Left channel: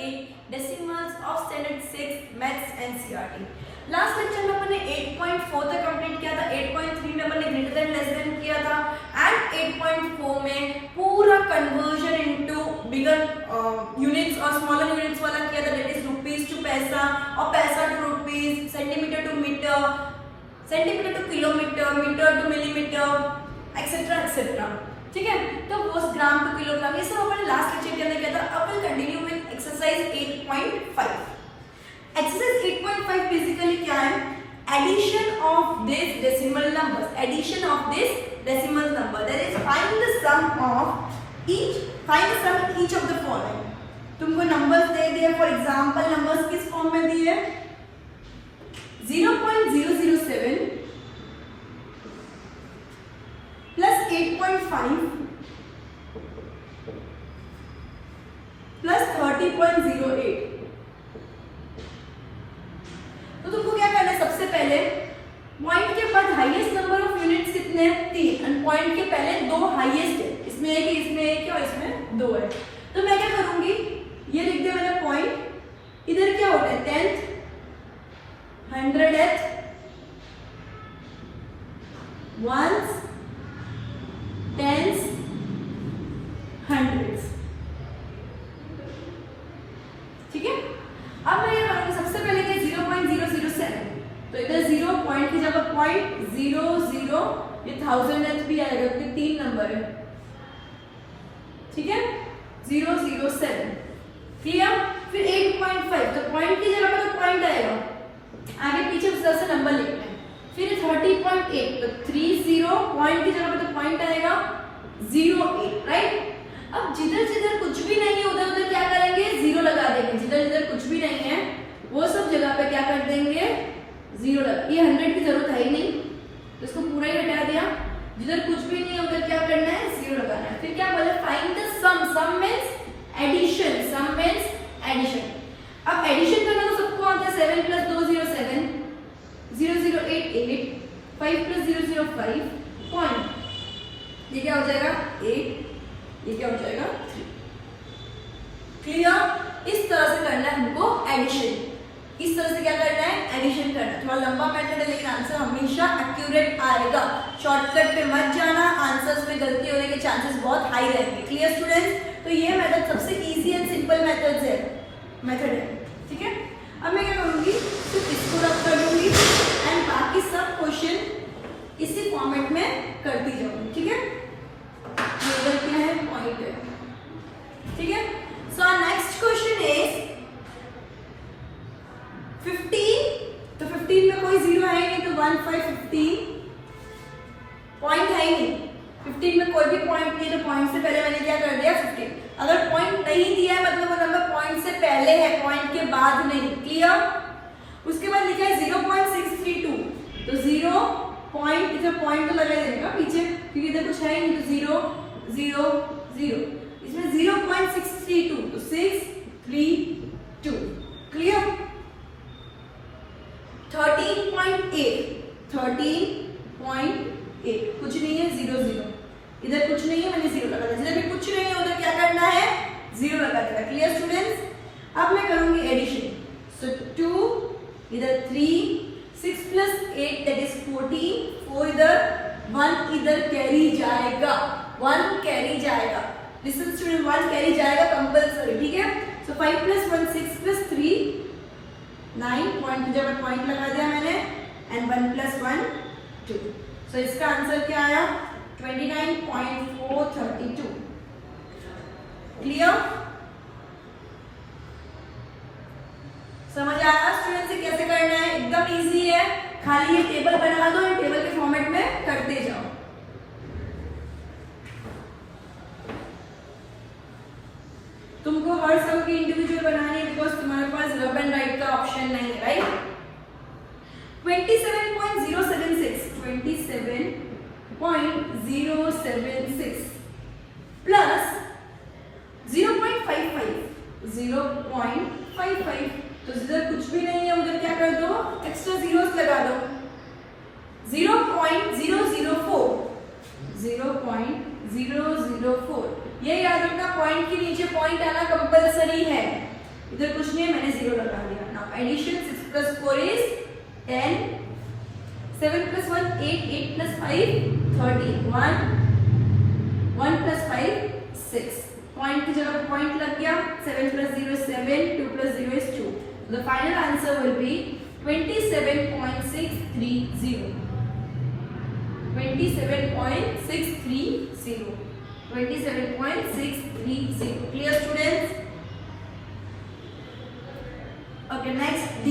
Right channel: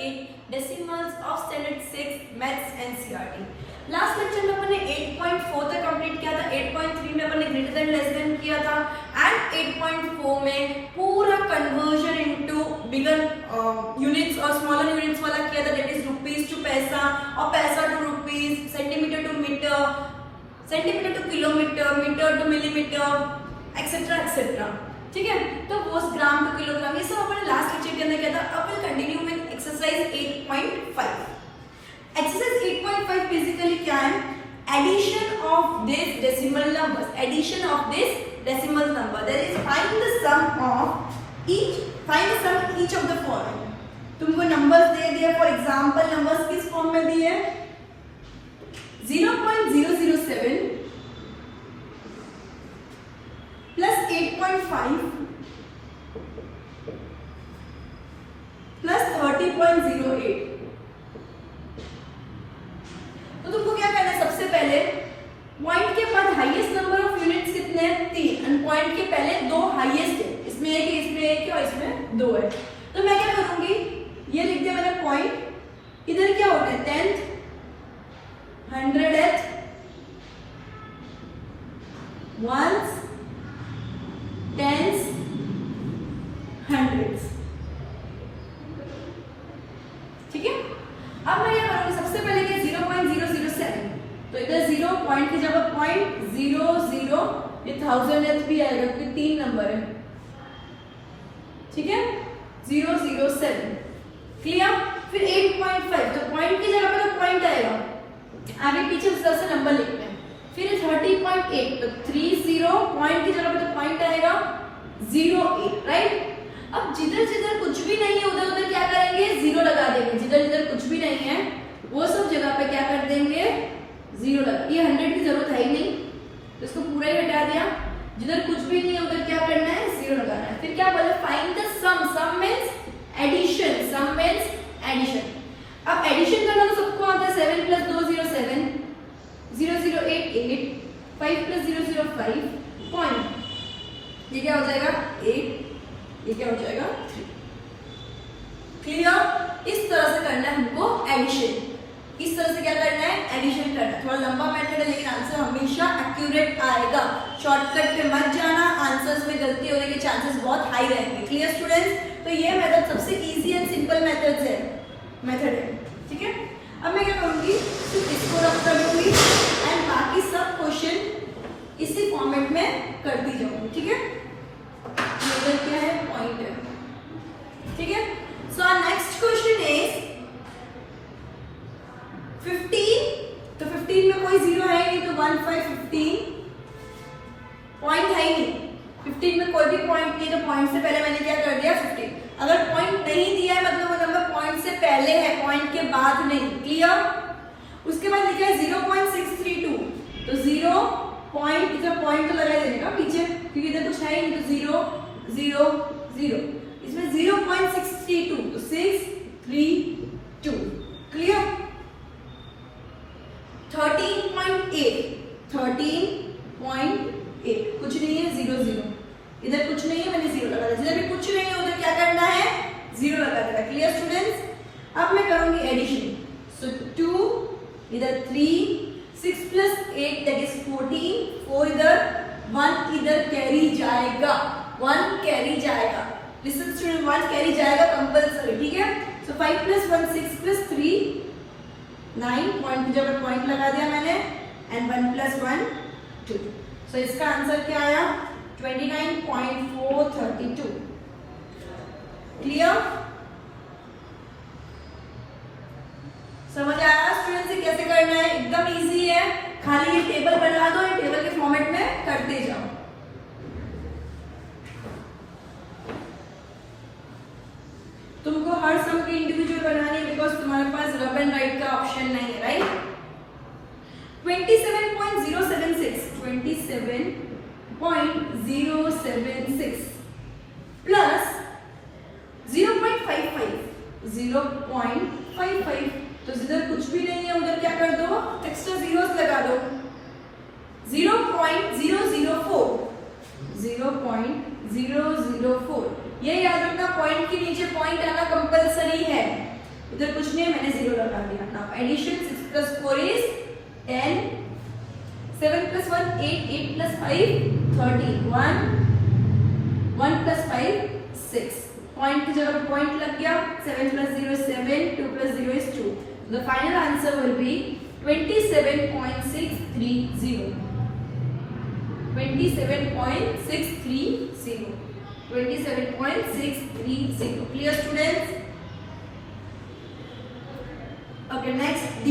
8 decimals of standard 6 maths NCERT. Last lecture में अपने 8.4 तक कंप्लीट किया था, 8.3 में अपने ग्रेटर देन लेस देन किया था एंड 8.4 में पूरा कन्वर्जन इनटू बिगर यूनिट्स और स्मॉलर यूनिट्स वाला किया था, that is rupees to paisa और paisa to rupees, centimetre to metre, centimetre to kilometre, metre to millimetre etcetera etcetera. ठीक है, तो वो ग्राम टू किलोग्राम, ये सब अपन लास्ट लेक्चर के अंदर किया था। अब will continue with exercise 8.5। Exercise 8.5 basically क्या है? Addition of this decimal numbers, addition of this decimal number, that is find the sum of each, find the sum each of the following. तुमको numbers दे दिए, for example numbers किस form में दिए? 0.007 plus 8.5 plus 30.08। तो तुमको क्या करना है? सबसे पहले पॉइंट के बाद हाईएस्ट नंबर ऑफ यूनिट्स कितने हैं? 3, और पॉइंट के पहले 2 हाईएस्ट है, इसमें एक, इसमें एक और इसमें 2 है। तो मैं क्या करूंगी, ये लिख दिया मैंने पॉइंट, इधर क्या होता है? 10th, 100th, ones, tens, hundreds। ठीक है, अब मैं ये करूंगी सबसे पहले कि 0.007, तो इधर 0 पॉइंट की जगह .00, ये 1000th भी आएगा क्योंकि 3 नंबर है। ठीक है, 007 क्लियर। फिर 8.5, तो पॉइंट की जगह पर पॉइंट आएगा, आगे पीछे उस तरह से नंबर लिखते हैं। फिर 30.8, तो 30 पॉइंट की जगह पे तो पॉइंट आएगा 08, राइट। अब जिधर जिधर कुछ भी नहीं है उधर उधर क्या करेंगे? 0 लगा देंगे। जिधर जिधर कुछ भी नहीं है वो सब जगह पे क्या कर देंगे? 0 लगा। ये 100 की जरूरत है ही नहीं, तो इसको पूरा ही हटा दिया। जिधर कुछ भी नहीं है उधर क्या करना है? 0 लगाना है। फिर क्या बोले? Find the sum, sum means addition, sum means addition. अब एडिशन करने को सबको आता है, 7 + 2 0 7, 0088, 5 + 0 0 5 पॉइंट, ये क्या हो जाएगा? 8, ये क्या हो जाएगा? 3। क्लियर। इस तरह से करना है हमको एडिशन, इस तरह से क्या करना है? एडिशन करना है। थोड़ा लंबा मेथड है लेकिन आंसर हमेशा एक्यूरेट आएगा। शॉर्टकट पे मत जाना, आंसर्स में गलती होने के चांसेस बहुत हाई रहते हैं। Clear students? तो ये मेथड सबसे इजी एंड सिंपल मेथड है, ठीक है। अब मैं क्या करूंगी, सिर्फ इसको रख कर लूंगी एंड बाकी सब क्वेश्चन इसी फॉर्मेट में करती जाऊंगी। ठीक है, ये क्या है? पॉइंट है। ठीक है, सो नेक्स्ट क्वेश्चन इज 15। तो 15 में कोई 0 है नहीं, तो 1 5 15 पॉइंट है ही नहीं। 15 में कोई भी पॉइंट नहीं, तो पॉइंट से पहले मैंने क्या कर दिया? 15। अगर पॉइंट नहीं दिया है मतलब वो नंबर पॉइंट से पहले है, पॉइंट के बाद नहीं। क्लियर। उसके बाद लिखा है 0.632, तो 0 पॉइंट का पॉइंट तो लगा देने का पीछे, क्योंकि इधर कुछ है नहीं, तो 0 0 0, इसमें 0.632, तो 632। क्लियर। 13.8, 13.8 कुछ नहीं है, 0 0, इधर कुछ नहीं है, मैंने 0 लगा दिया। जिधर भी कुछ नहीं है उधर क्या करना है? 0 लगा देना। Clear students? अब मैं करूंगी एडिशन, सो 2, इधर 3, 6 + 8 दैट इज 14, 4 इधर, 1 इधर कैरी जाएगा, 1 कैरी जाएगा। लिसन स्टूडेंट, 1 कैरी जाएगा कंपल्सरी। ठीक है, सो 5 + 1 6 + 3 9, पॉइंट की जगह पॉइंट लगा दिया मैंने, एंड 1 + 1 2। सो इसका आंसर क्या आया? 29.432। क्लियर? समझ आया स्टूडेंट्स कैसे करना है? एकदम इजी है, खाली ये टेबल बना दो, ये टेबल के फॉर्मेट में करते जाओ। तुमको हर सम की इंडिविजुअल बनानी है बिकॉज तुम्हारे पास रब एंड राइट का ऑप्शन नहीं है, राइट। 27.076 प्लस 0.55 0.55, तो जिधर कुछ भी नहीं है उधर क्या कर दो? एक्स्ट्रा जीरोस लगा दो। 0.004 0.004, ये याद रखना, पॉइंट के नीचे पॉइंट आना कंपलसरी है। इधर कुछ नहीं है, मैंने 0 लगा दिया। नाउ एडिशन 6 + 4 इज 10, 7 + 1 8, 8 + 5 13, 1 + 5 6, पॉइंट की जगह पॉइंट लग गया, 7 + 0 is 7, 2 + 0 is 2. The final answer will be 27.630. 27.630. 27.630. Clear, students? Okay, next D.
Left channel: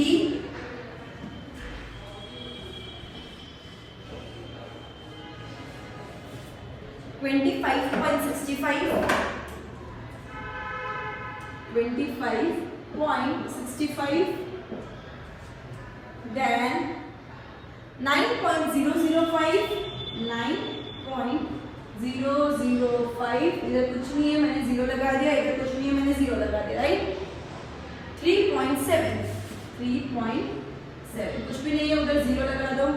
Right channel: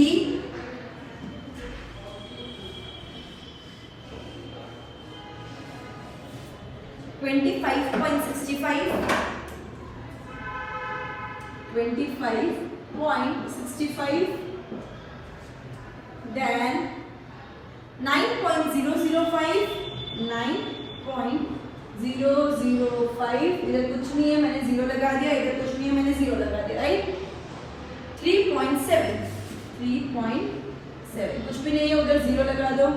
$25.65. Then 9.005. 9.005. इधर कुछ नहीं है, मैंने 0 लगा दिया, इधर कुछ नहीं है, मैंने 0 लगा दिया, राइट? 3.7. 3.7 कुछ भी नहीं है, उधर 0 लगा दो।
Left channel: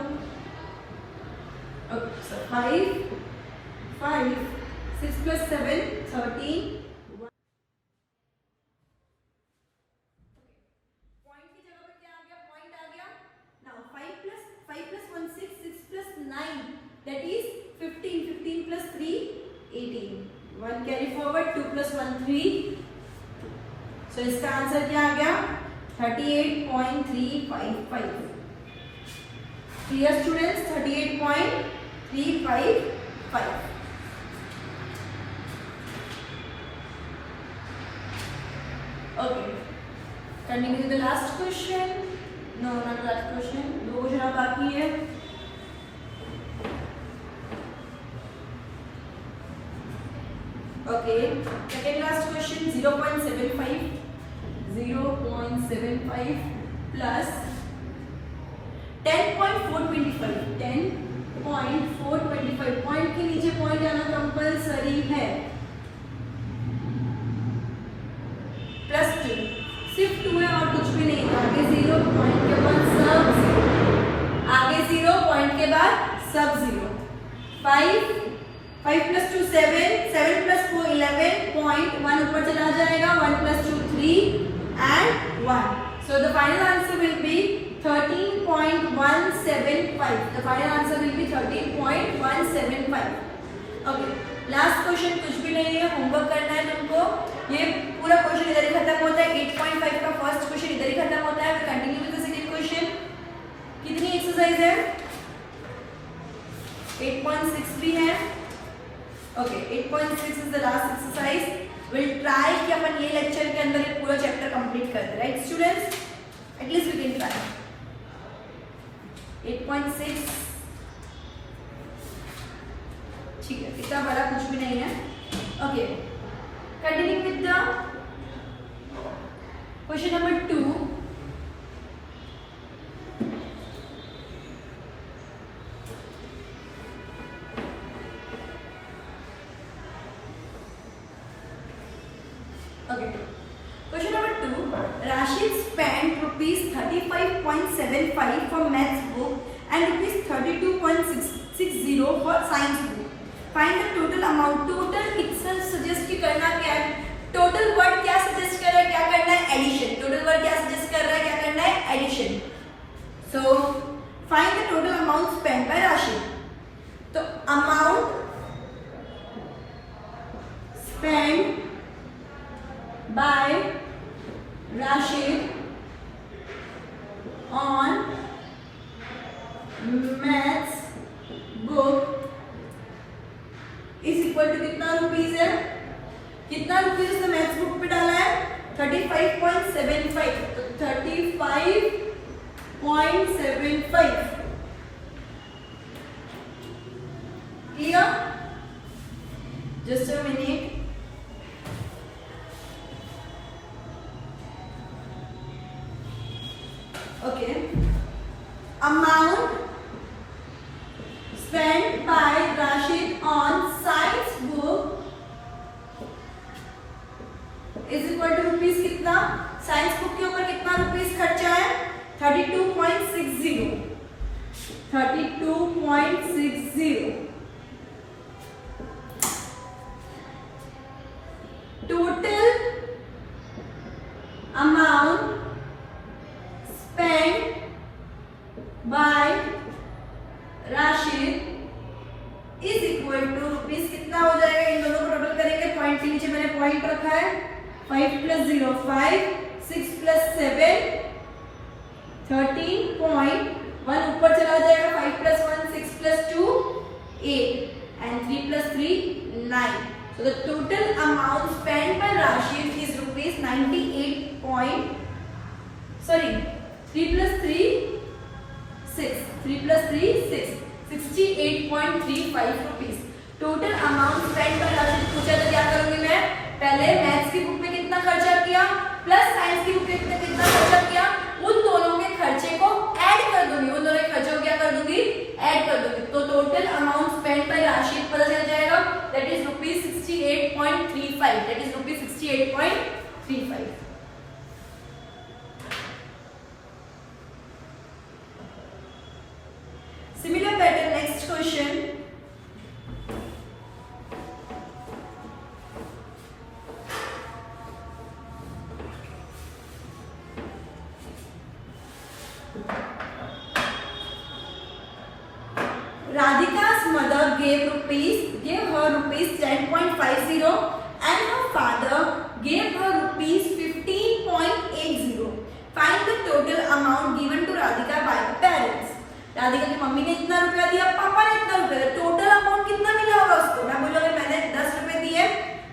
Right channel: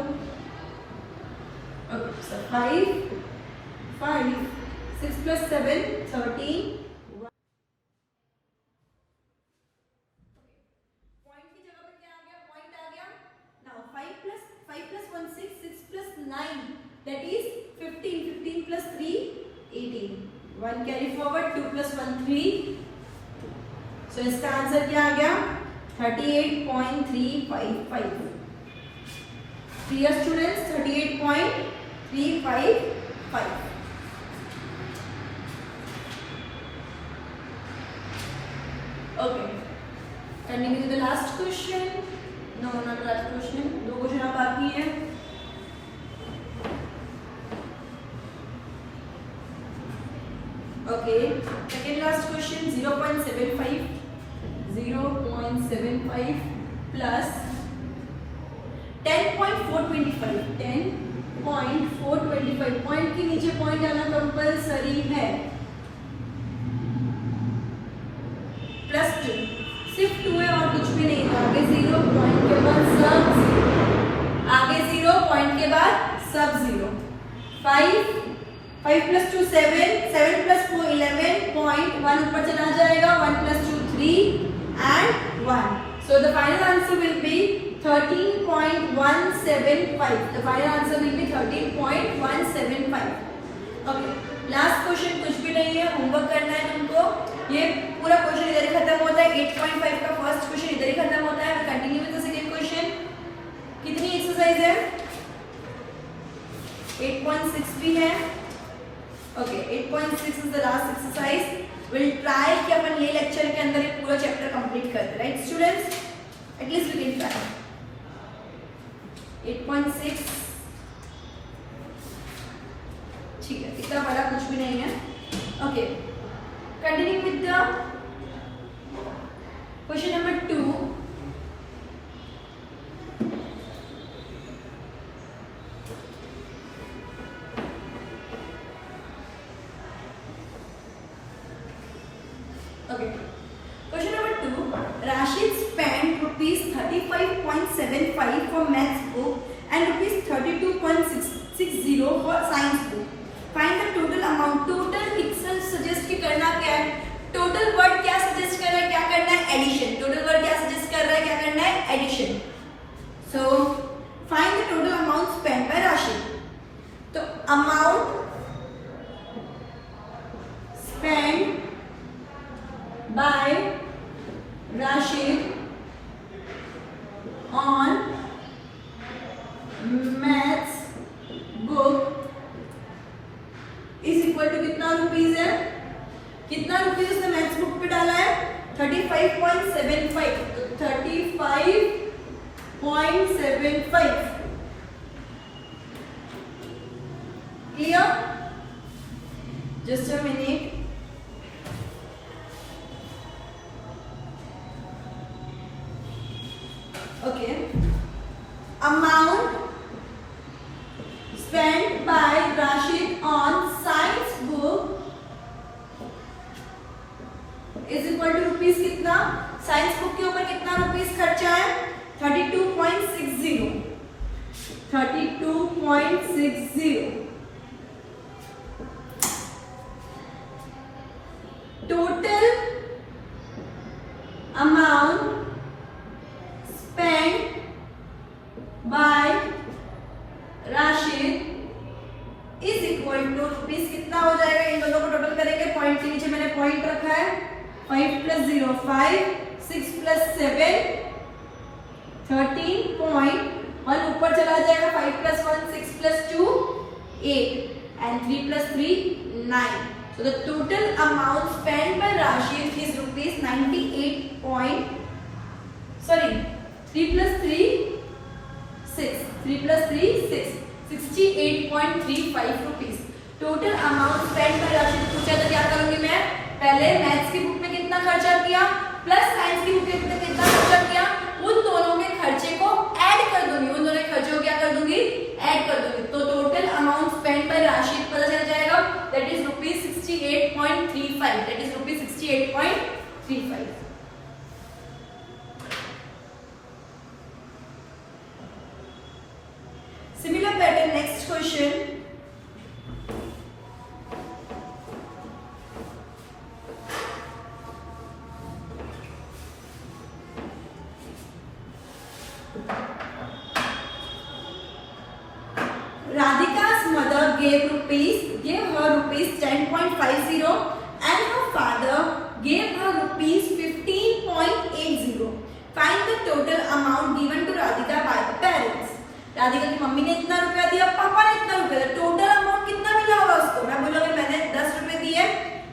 5, 6 + 7 13. पॉइंट की जगह पे क्या आ गया? पॉइंट आ गया। नाउ 5 + 1 6, 6 + 9 that is 15, 15 + 3 18, 1 carry forward, 2 + 1 3. So इसका आंसर क्या आ गया? 38.355. Clear, students? 38.355. Okay. Continue with the last question. No, not the last question. दो क्वेश्चन बाकी है. Okay. Second last question. 0.75. 0.75 plus 10.425. 10.425. पॉइंट के नीचे पॉइंट आना कंपल्सरी है. +2. सिर्फ 2 है और कुछ भी नहीं था. आगे 0, पॉइंट के बाद सब 0. आगे 0, पॉइंट के बाद सब 0. 5 + 2 7, 7 + 4 11, पॉइंट 1 ऊपर चला जाएगा, 1 + 2 3 and 1. So the final answer will be 13.175. The final answer will be 13.175. Okay. Last question कुछ भी नहीं है, होमवर्क करना है तुमको. ये पूरा क्वेश्चन इधर ही खत्म होता है. 8.5 का फर्स्ट क्वेश्चन इधर ही खत्म होता है. Continue with the second question. कितनी एक्सरसाइज है? 8.6 भी है. ओके, 8.6 is the last exercise. Will try कि अपन ये लेक्चर के अंदर में पूरा चैप्टर कंप्लीट कर दे. Right students? At least we can try. 8.6 ठीक है, इतना बड़ा कुछ भी नहीं है. Okay, continue with the question number 2. Okay. Question number 2. Rashid spent ₹35.75 for maths book and ₹32.60 for science book. Find the total amount. Total itself suggest कि करना क्या है? Total word क्या suggest कर रहा है? क्या करना है? Addition. Total word क्या suggest कर रहा है? क्या करना है? Addition. So find the total amount spent by Rashid. तो amount spent by Rashid on maths book is equal to कितना रुपीज है? कितना रुपीज ने मैथ्स बुक पे डाला है? 35.75. 35.75. Clear? Just a minute. Okay. Amount spent by Rashid on science book is equal to rupees कितना? Science book के ऊपर कितना रुपीस खर्चा है? 32.60. 32.60. टोटल amount 5 plus 0 5, 6 plus 7 13.1 ऊपर चला जाएगा, 5 plus 1 6 plus 2 8 and 3 plus 3 9. So the total amount spent by Rashid is rupees 98 point, sorry 3 plus 3 6, 3 plus 3 6, 68.35 rupees. Total amount spend by Rashid पूछा तो क्या करूंगी मैं, पहले मैथ्स की बुक में कितना खर्चा किया प्लस साइंस की बुक में कितना खर्चा किया, उन दोनों के खर्चे को ऐड कर दूंगी, उन दोनों के खर्चों को क्या कर दूंगी, ऐड कर दूंगी. तो total amount spend by Rashid पता चल जाएगा, that is rupees 68.35, that is rupees 68.35. Similar pattern, next question. Radhika's mother gave her rupees 10.50 and her father gave her rupees 15.80. Find the total amount given to Radhika by the parents. Radhika की मम्मी ने इतना रुपया दिया, पापा ने इतना रुपया दिया, टोटल अमाउंट कितना मिला होगा उसको. मैं बोला भाई मैंने 10 रुपए दिए,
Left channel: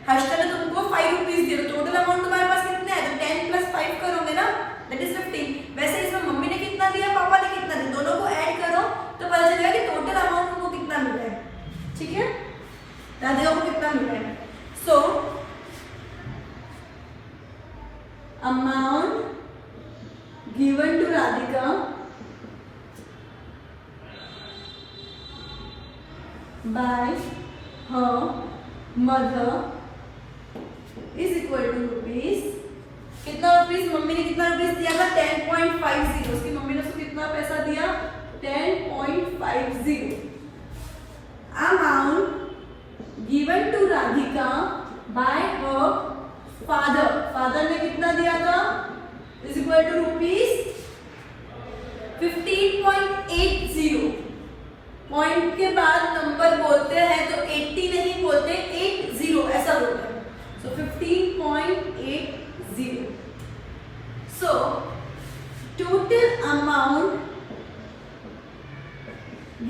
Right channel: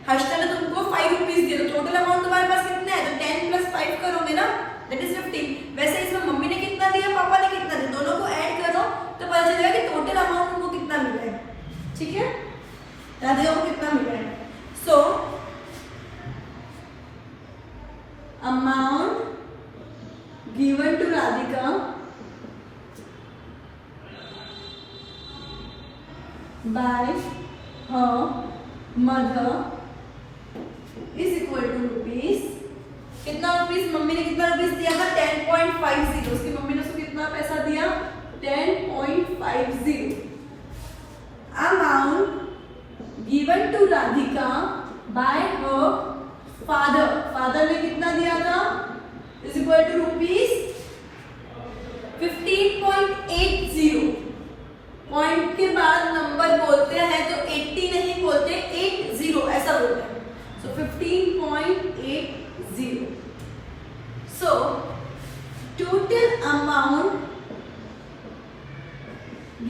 हर्षिता ने तुमको 5 रुपीज दिए, तो टोटल अमाउंट तुम्हारे पास कितना है, तो 10 plus 5 करोगे ना, दैट इज 15. वैसे इसमें मम्मी ने कितना दिया, पापा ने कितना दिया, दोनों को ऐड करो तो पता चलेगा कि टोटल अमाउंट उनको कितना मिल रहा है. ठीक है, राधिका को कितना मिल रहा है. So amount given to Radhika by her mother is equal to rupees, कितना रुपीस, मम्मी ने कितना रुपीस दिया था 10.50, उसकी मम्मी ने उसको कितना पैसा दिया 10.50. Amount given to Radhika by her father ने कितना दिया था is equal to rupees 15.80. Point के बाद नंबर बोलते हैं तो 80 नहीं बोलते, 80 ऐसा बोलते हैं. So 15.80. So total amount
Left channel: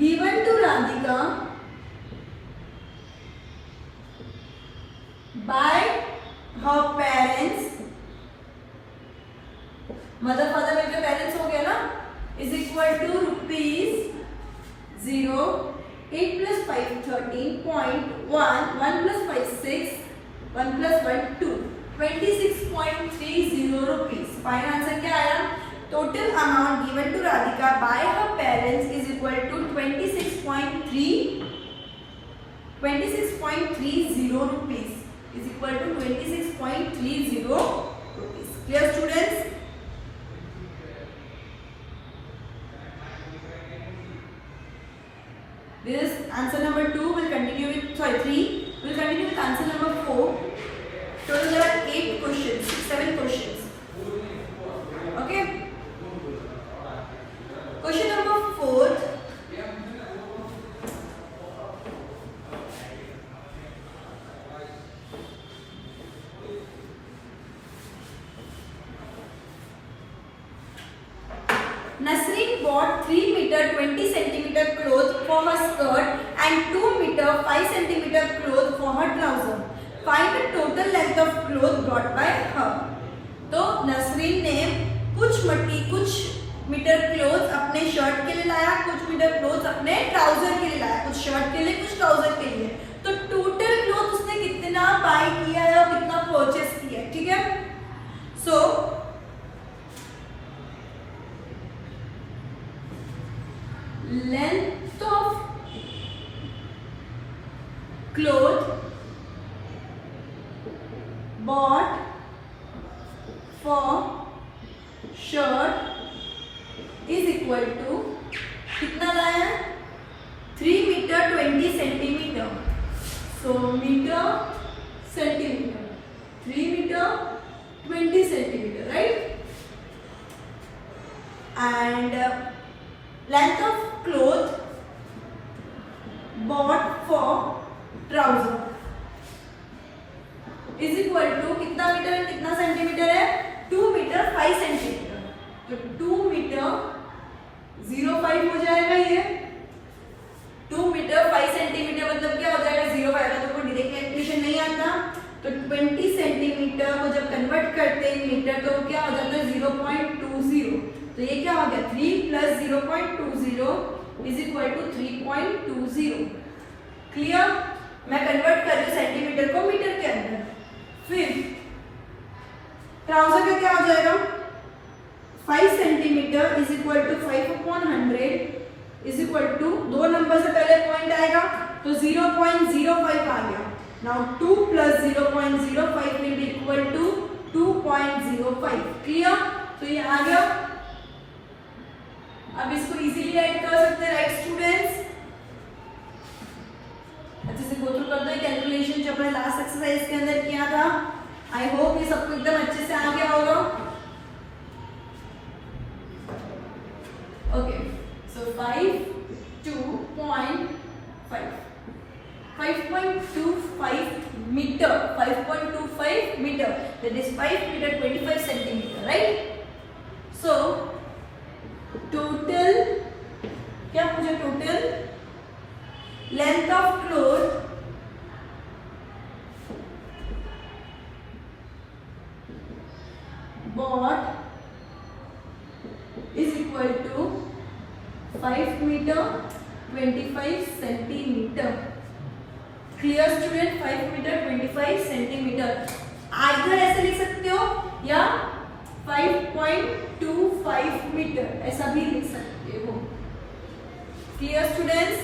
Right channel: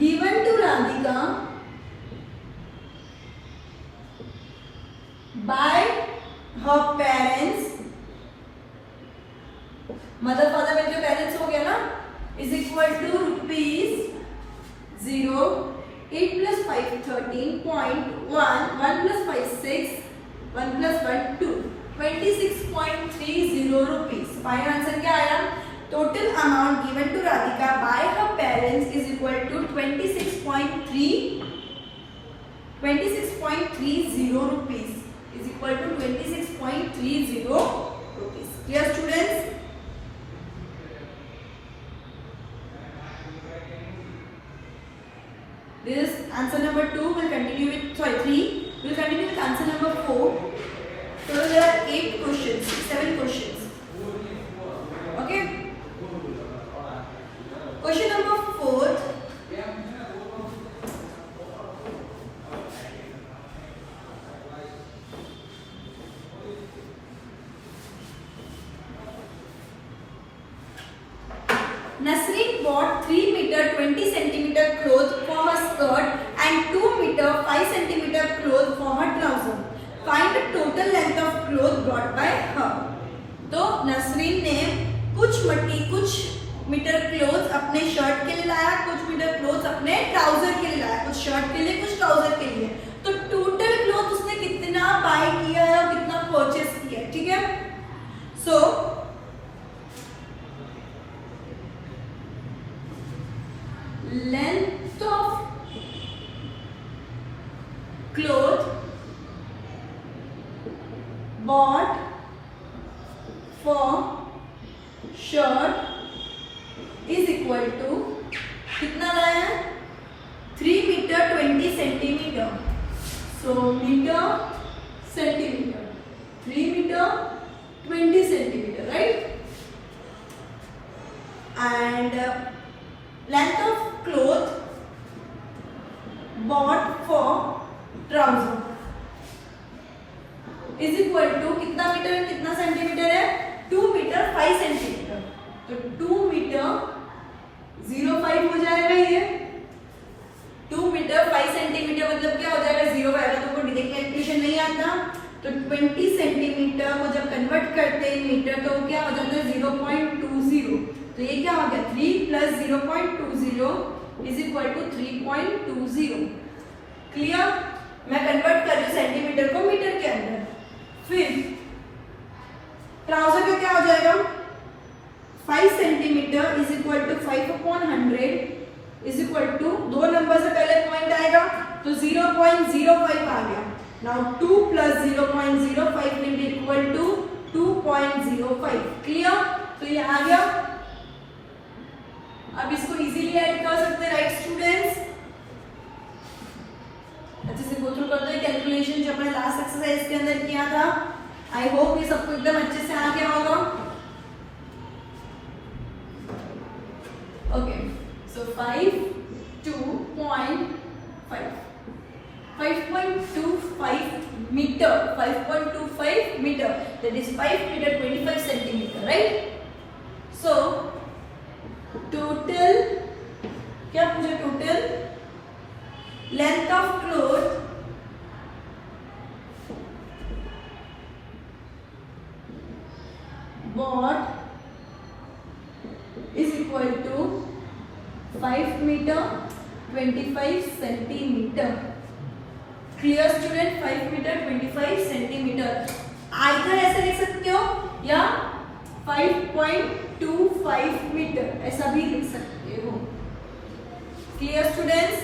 given to Radhika by her parents, mother father में जो पेरेंट्स हो गया ना, इज इक्वल टू रुपीज 0, 8 plus 5 13.1, 1 plus 5 6, 1 plus 1 2, 26.30 rupees. फाइनल आंसर क्या आया, total amount given to Radhika by her parents is equal to 26.30 rupees, is equal to 26.30 rupees. Clear students? This answer number 2 will continue with, sorry 3 will continue with answer number 4. So there are 8 questions, 7 questions. Okay. Question number 4. Nasreen bought 3 meter 20 centimeter clothes for her skirt and 2 meter 5 centimeter clothes for her trouser. Find the total length of clothes bought by her. तो नसरीन ने कुछ metre cloth अपने शर्ट के लिए लाया, कुछ metre cloth अपने ट्राउजर के लिए लाया, कुछ शर्ट के लिए कुछ ट्राउजर के लिए. तो टोटल क्लोथ उसने कितना बाय किया है और कितना परचेस किया है. ठीक है. सो length of cloth bought for shirt is equal to कितना लाया है 3 meter 20 centimeter. So meter centimeter, 3 meter 20 centimeter, right? And length of cloth bought for trouser is equal to कितना मीटर है, कितना सेंटीमीटर है, 2 मीटर 5 सेंटीमीटर। तो 2 मीटर 0.5 हो जाएगा ये। 2 मीटर 5 सेंटीमीटर मतलब क्या हो जाएगा, 0.5। तुमको डायरेक्ट कैलकुलेशन नहीं आता तो 20 सेंटीमीटर को जब कन्वर्ट करते हैं मीटर तो क्या हो जाता है 0.20। तो ये क्या हो गया 3 plus 0.20 is equal to 3.20। Clear? मैं कन्वर्ट कर रही हूँ सेंटीमीटर को मीटर के अंदर। फिर ट्राउजर का क्या हो जाएगा, 5 centimetre is equal to 5/100 is equal to 2 number से पहले पॉइंट आएगा तो 0.05 आ गया। Now 2 plus 0.05 will be equal to 2.05। Clear? तो ये आ गया। अब इसको इजीली ऐड कर सकते हैं, राइट स्टूडेंट्स? अच्छे से गो थ्रू करते हैं कैलकुलेशन जो अपने लास्ट एक्सरसाइज के अंदर किया था। आई होप ये सबको एकदम अच्छे से आ गया होगा। ओके, सो 5.25 meter, 5.25 meter, that is 5 meter 25 centimeter, right? So total क्या पूछा, total length of cloth bought is equal to 5 meter 25 centimeter. Clear student? 5 metre 25 centimetre. आइधर ऐसे लिख सकते हो या 5.25 मीटर ऐसा भी लिख सकते हो। Clear students?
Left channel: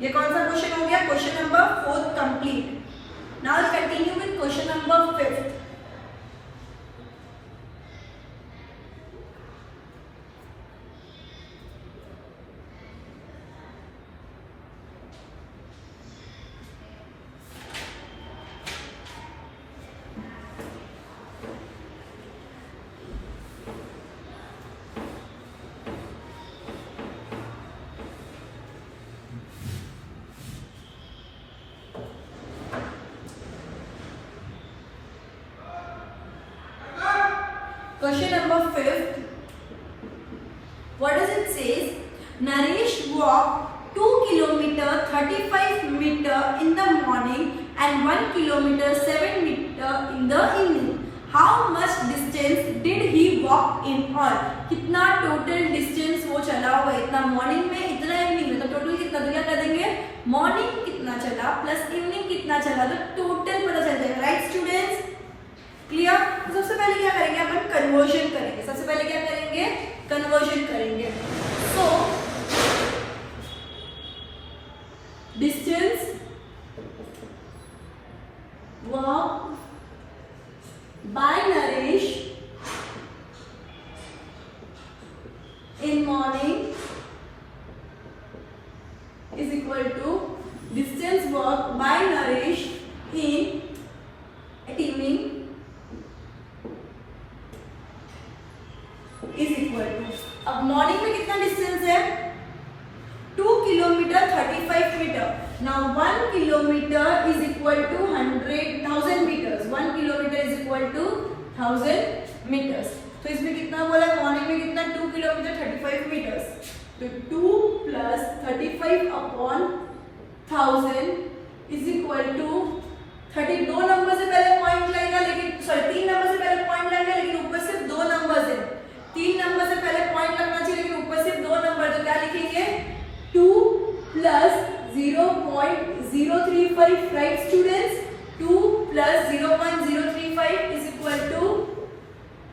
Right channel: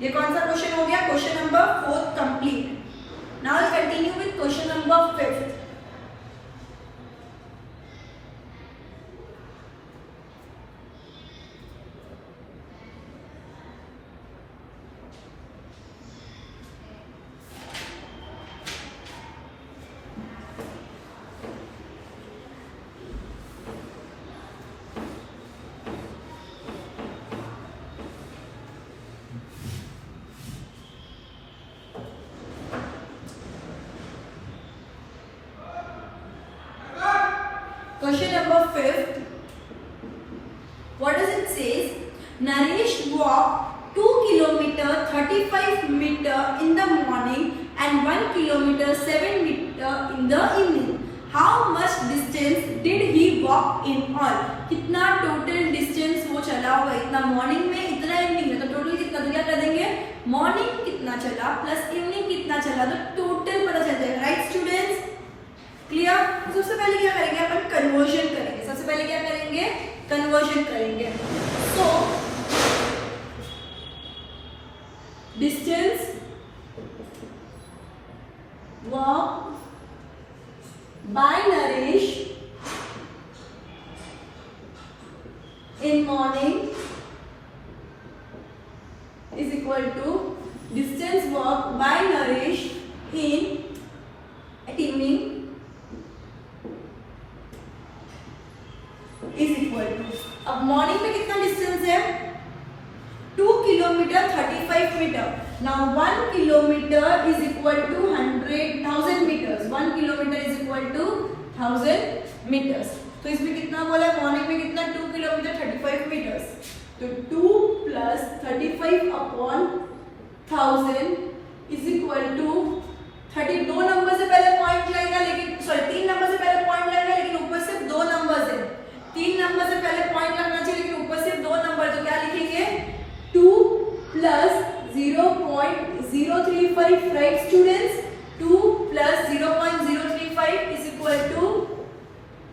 ये कौन सा क्वेश्चन हो गया, question number 4 complete. Now continue with question number 5। Question number 5. What does it says? Naresh walked 2 kilometer 35 meter in the morning and 1 kilometer 7 meter in the evening. How much distance did he walk in all? कितना total distance वो चला होगा, इतना मॉर्निंग में इतना इवनिंग में, तो टोटल कितना, तो क्या कर देंगे मॉर्निंग कितना चला प्लस इवनिंग कितना चला तो टोटल पता चल जाएगा, राइट स्टूडेंट्स? क्लियर? तो सबसे पहले क्या करेंगे अपन, कन्वर्जन करेंगे। सबसे पहले क्या करेंगे, कन्वर्जन करेंगे। So distance walk by Naresh in morning is equal to distance walk by Naresh in evening is equal to, अब मॉर्निंग में कितना डिस्टेंस है 2 kilometre 35 metre. Now 1 kilometre is equal to 1000 metres. 1 kilometre is equal to 1000 metres. तो इसमें कितना बोला, मॉर्निंग में कितना 2 किलोमीटर 35 मीटर्स। तो 2 plus 35 upon 1000 is equal to 30। 2 number से पहले पॉइंट लगेगा, लेकिन सॉरी 3 नंबर से पहले पॉइंट लगेगा, लेकिन ऊपर सिर्फ 2 नंबर है। 3 नंबर से पहले पॉइंट लगना चाहिए, लेकिन ऊपर सिर्फ 2 नंबर। तो क्या लिखेंगे 2 plus 0.035, right students? 2 plus 0.035 is equal to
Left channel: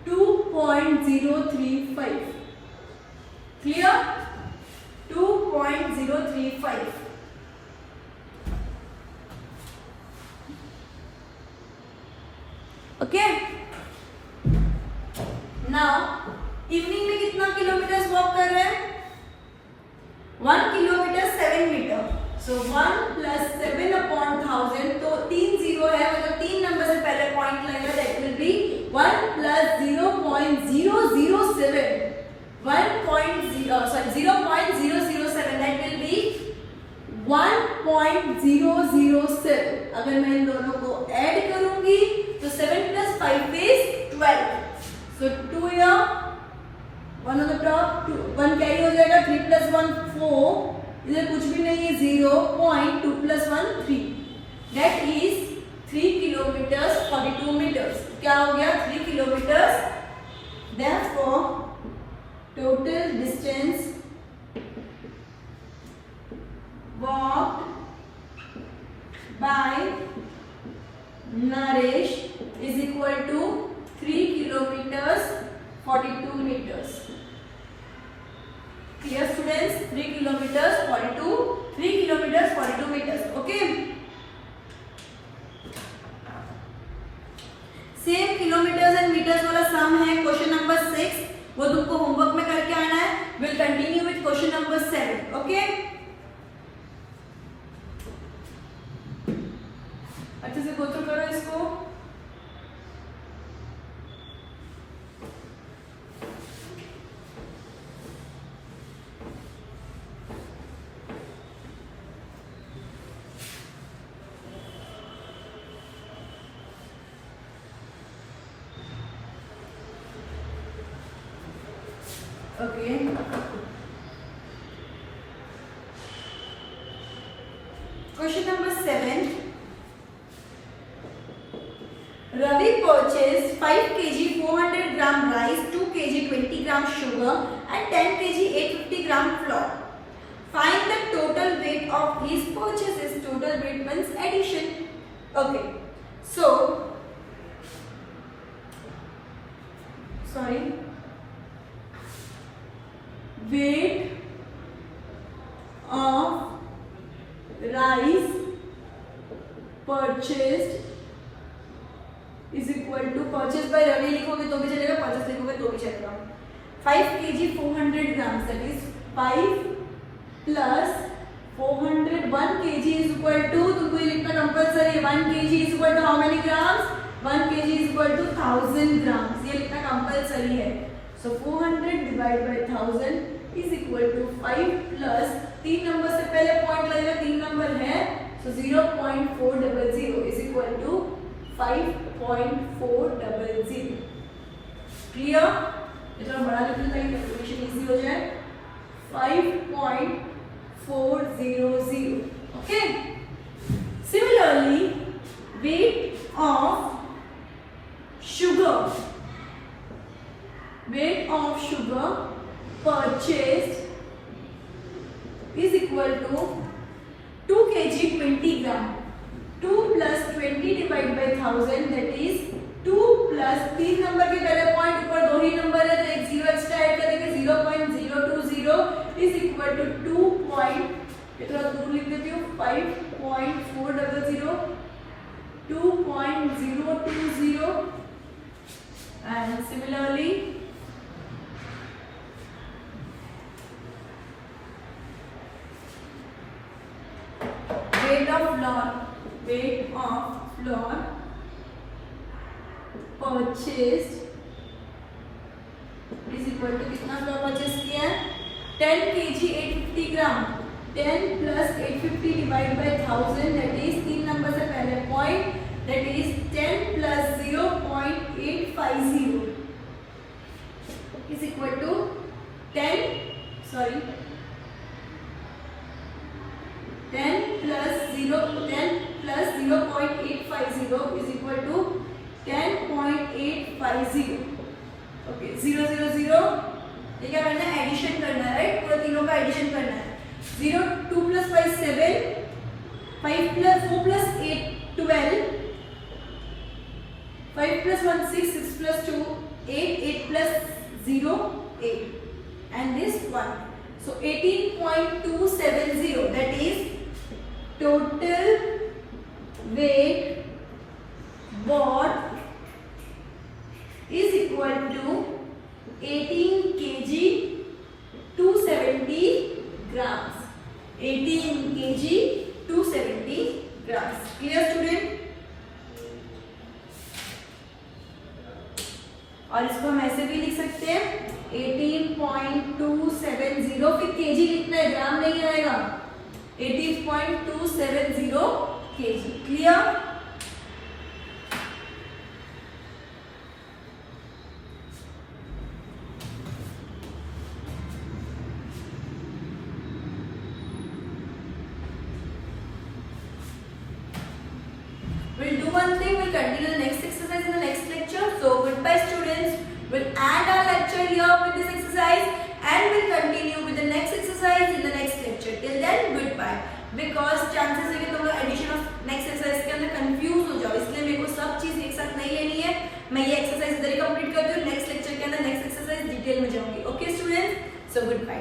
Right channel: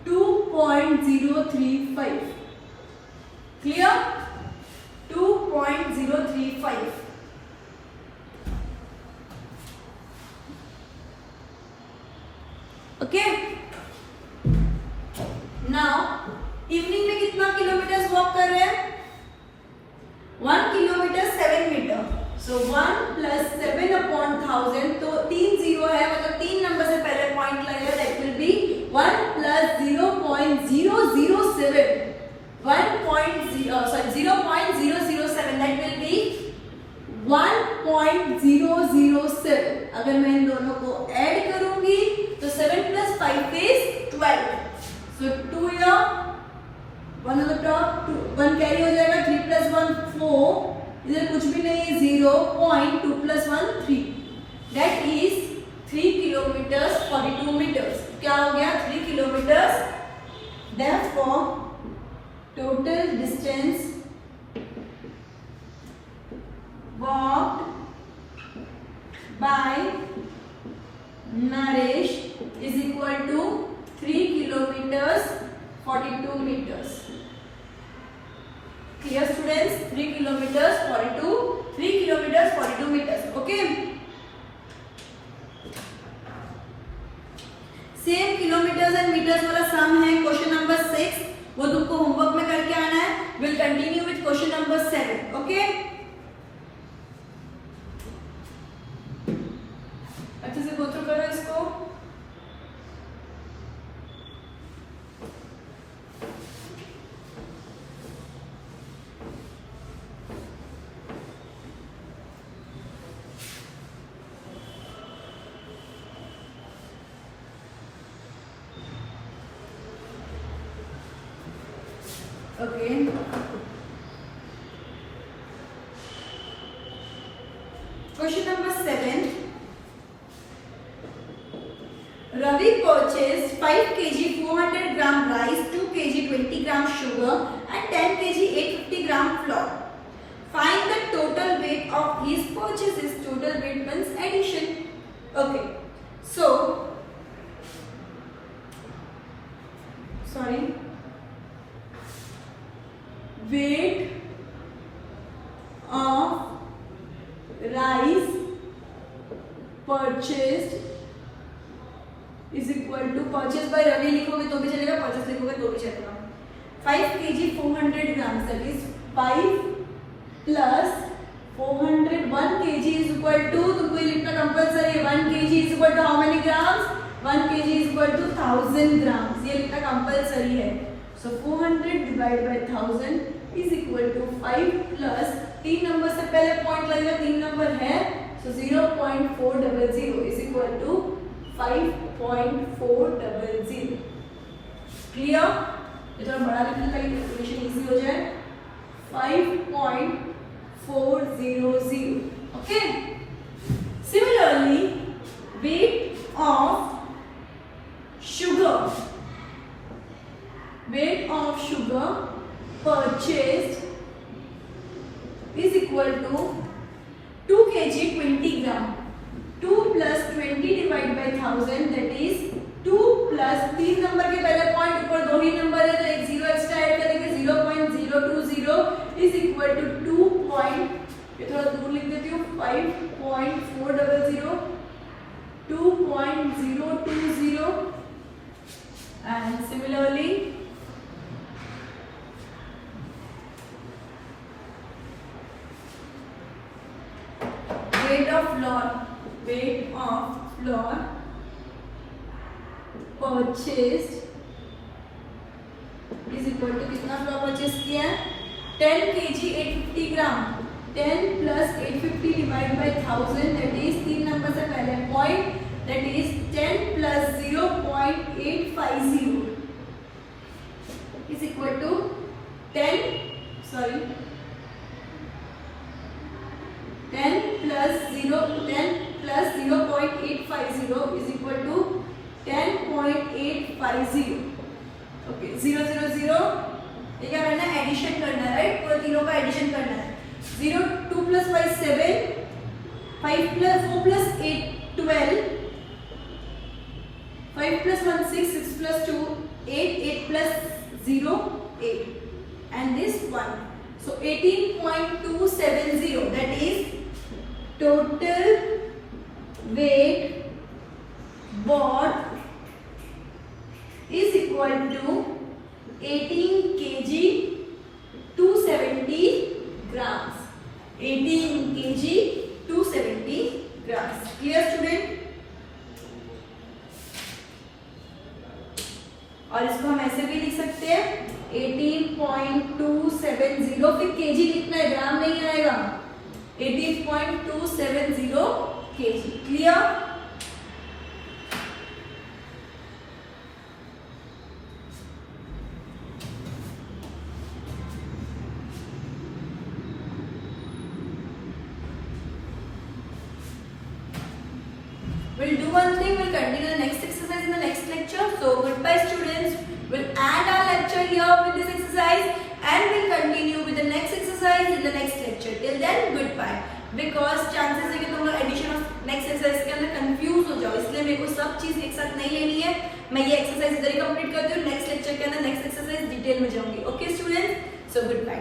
2.035। Clear? 2.035। Okay, now evening में कितना किलोमीटर वॉक कर रहे हैं, 1 kilometre 7 metre. So 1 plus 7 upon 1000, तो 3 जीरो है, मतलब 3 नंबर से पहले पॉइंट लगेगा, दैट विल बी 1 प्लस 0.007, 0.007, दैट विल बी 1.007। अगर मैं इन दोनों को ऐड करूंगी तो 7 + 5 is 12। So 2 here, 1 on the top, 1 कैरी हो जाएगा, 3 + 1 4, इधर कुछ भी नहीं है, 0.2 + 1 3, that is 3 kilometers 42 meters। क्या हो गया? 3 kilometers। Therefore total distance walked by Naresh is equal to 3 kilometers 42 meters। Clear students? 3 kilometers 42 meters। Okay, same kilometres and metres वाला सम है क्वेश्चन नंबर 6, वो तुमको होमवर्क में करके आना है। Will continue with question number 7। ओके, अच्छे से गो थ्रू करो इसको। Okay. Question number 7. Ravi purchased 5 kg 400 gram rice, 2 kg 20 gram sugar and 10 kg 850 gram flour. Find the total weight of these purchases. Total weight means addition. Okay. So, weight of rice purchased is equal to, purchase by Ravi लिखोगे तो भी चलेगा, purchase लिखोगे तो भी चलेगा। 5 kg 400 grams, that is 5 plus 400, 1 kg is equal to, तुमको ये लिखना कंपल्सरी है, 1 kg is equal to how many grams? 1 kg is equal to 1000 grams, ये लिखना कंपल्सरी है। So 400 divided by 1000 is equal to 5 plus 3 नंबर से पहले पॉइंट लगेगा, 3 नंबर है, so 0.400 is equal to 5.400। क्लियर? ये थोड़ा बड़ा लिखना ताकि कैलकुलेशन इजी हो जाए। 5.400। Okay, similarly weight of sugar purchased is equal to 2 kg 20 gram, 2 plus 20 divided by 1000, that is 2 plus 3 नंबर के पहले पॉइंट ऊपर 2 ही नंबर है तो एक जीरो एक्स्ट्रा ऐड करेंगे, 0.020 is equal to 2 point, ये थोड़ा दूर लिख देती हूँ, 5.400, 2.020 and similarly weight of flour purchased is equal to, कितना फ्लोर परचेज किया है? 10 kg 850 ग्राम, 10 plus 850 divided by 1000, that is 3 नंबर से पहले पॉइंट, that is 10 plus 0.850 is equal to 10 plus 0.850 is equal to 10.850। ओके, 0 0 0, ये क्या करना है? एडिशन करना है, राइट? पूरे तीनों का एडिशन करना है। 0 2 plus 5 7, 5 plus 4 plus 8 12, 5 plus 1 6, 6 plus 2 8, 8 plus 0 8, and this 1, so 18.270, that is total weight bought is equal to 18 kg 270 grams, 18 kg 270 grams। Clear student? और इसको हम ऐसे भी लिख सकते हैं 18.270, फिर kg लिखना है, ग्राम नहीं आएगा। 18.270 kg. Clear? We'll do one thing, we'll continue the next exercise in the next lecture. So goodbye students, we'll end our lecture here with this exercise and we'll continue with the next exercise in the next lecture. Till then goodbye. Because chances है कि तुम लोग addition of next exercise के अंदर कंफ्यूज हो जाओ, इसलिए मेरे को सब चीज एक साथ नहीं लेनी है. मैं ये एक्सरसाइज इधर ही कंप्लीट करती हूँ, नेक्स्ट लेक्चर के अंदर नेक्स्ट एक्सरसाइज डिटेल में जाऊंगी. Okay students, so good bye.